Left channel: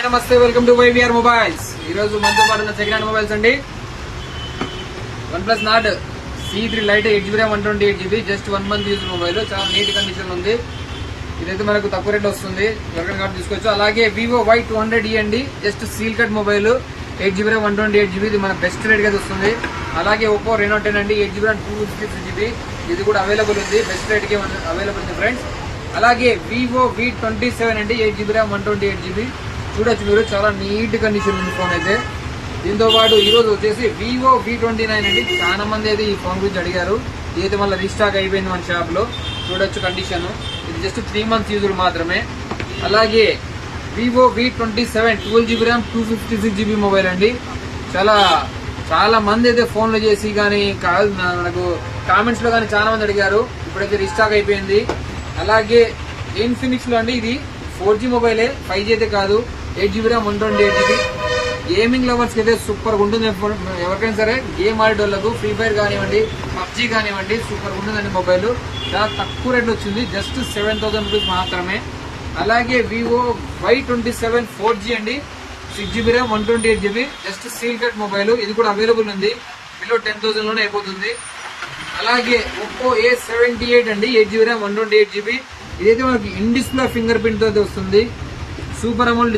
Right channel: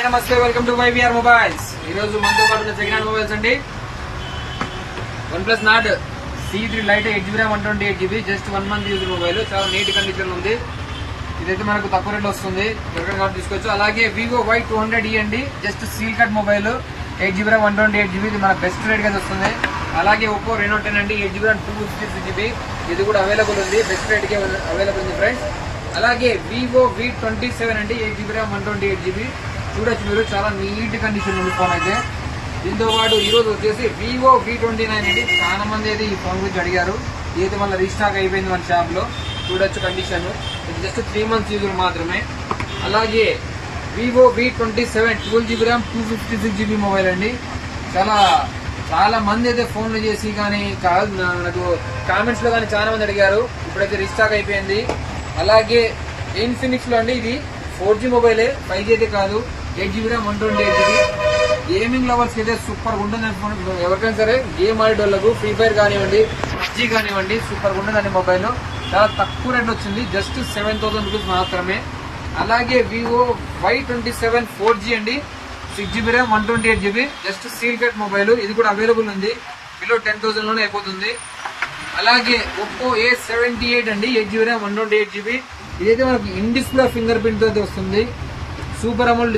Hi నమస్తే welcome to YVR mobiles. ఈ రోజు మనతో పాటు ఉన్న సెకండ్ హ్యాండ్ మొబైల్స్ అండి. OnePlus Nord C three lite eight GB one twenty eight GB just one month use mobile చాలా నీట్ కండిషన్ ఉంది. ఇదైతే మనకు తక్కువ రేట్ వస్తుంది. దొరకని కార్డు తీసుకోవచ్చు. అలాగే వివో వై టూ హండ్రెడ్ ఇవ్వండి just seal cut mobile eight GB one twenty eight GB ఇది మన బెస్ట్ రేట్గా వస్తుంది. అలాగే ఒప్పో రెనో టెన్ అండి eight GB two fifty three GB ఇది కూడా అవైలబుల్ ఉంది. బెస్ట్ రేట్ కే అవైలబుల్ ఉంది ఫ్రెండ్స్ అలాగే వివో వి ట్వంటీ సెవెన్ అండి eight GB RAM one twenty eight GB చూడొచ్చు మీరు చాలా నీట్ కండిషన్ ఉంది ఫోన్ అయితే. దీంతో పాటు ఈ వచ్చేసి వివో వి ట్వంటీ నైన్ అండి. చాలా మంది అయితే ఈ ఫోన్ గురించి అడిగారు. దీని వల్ల రీస్టాక్ అయిపోయింది మన షాప్లో. చూడొచ్చు కండిషన్ ఇది జస్ట్ త్రీ మంత్స్ యూజులు మాత్రమే. అలాగే Vivo V twenty seven twelve GB RAM two fifty six GB mobile అండి. చాలా చాలా మంది అయితే ఫోన్లు చేసి కానీ కాదు మనకు కామెంట్స్లో కానీ చాలా మంది అడిగారు. ఇప్పుడైతే రీస్టాక్ అయిపోయింది. అలాగే ఇన్ఫినిక్స్లో అండి ఇది. ఫోర్ జీ మొబైలే ఫైవ్ జీ అయితే కాదు. Eight GB RAM one twenty eight GB gaming lovers అయితే సూపర్ ఉంటుంది ఎవరికైనా సరే గేమ్ ఆడేటోళ్ళకు ఫ్రీ ఫైర్ కానివ్వండి పబ్జీ కానివ్వండి సూపర్గా ఉంటుందండి మొబైల్ చాలా తక్కువ రేట్ వచ్చింది. జస్ట్ సెవెన్ థౌసండ్ రూపీస్ మాత్రమే. అలాగే Vivo Y twenty seven four G అండి six GB RAM one twenty eight GB just secret mobile ఇది కూడా అవైలబుల్ ఉంది. బిలో టెన్ థౌసండ్లోనే అయిపోతుంది. అలాగే ఒప్పో ఏ సెవెంటీ ఎయిట్ అండి eight GB RAM one twenty eight GB ఇదైతే మనకి ఇన్ డిస్ప్లే ఫింగర్ ప్రింట్ అయితే వస్తుంది. Super amount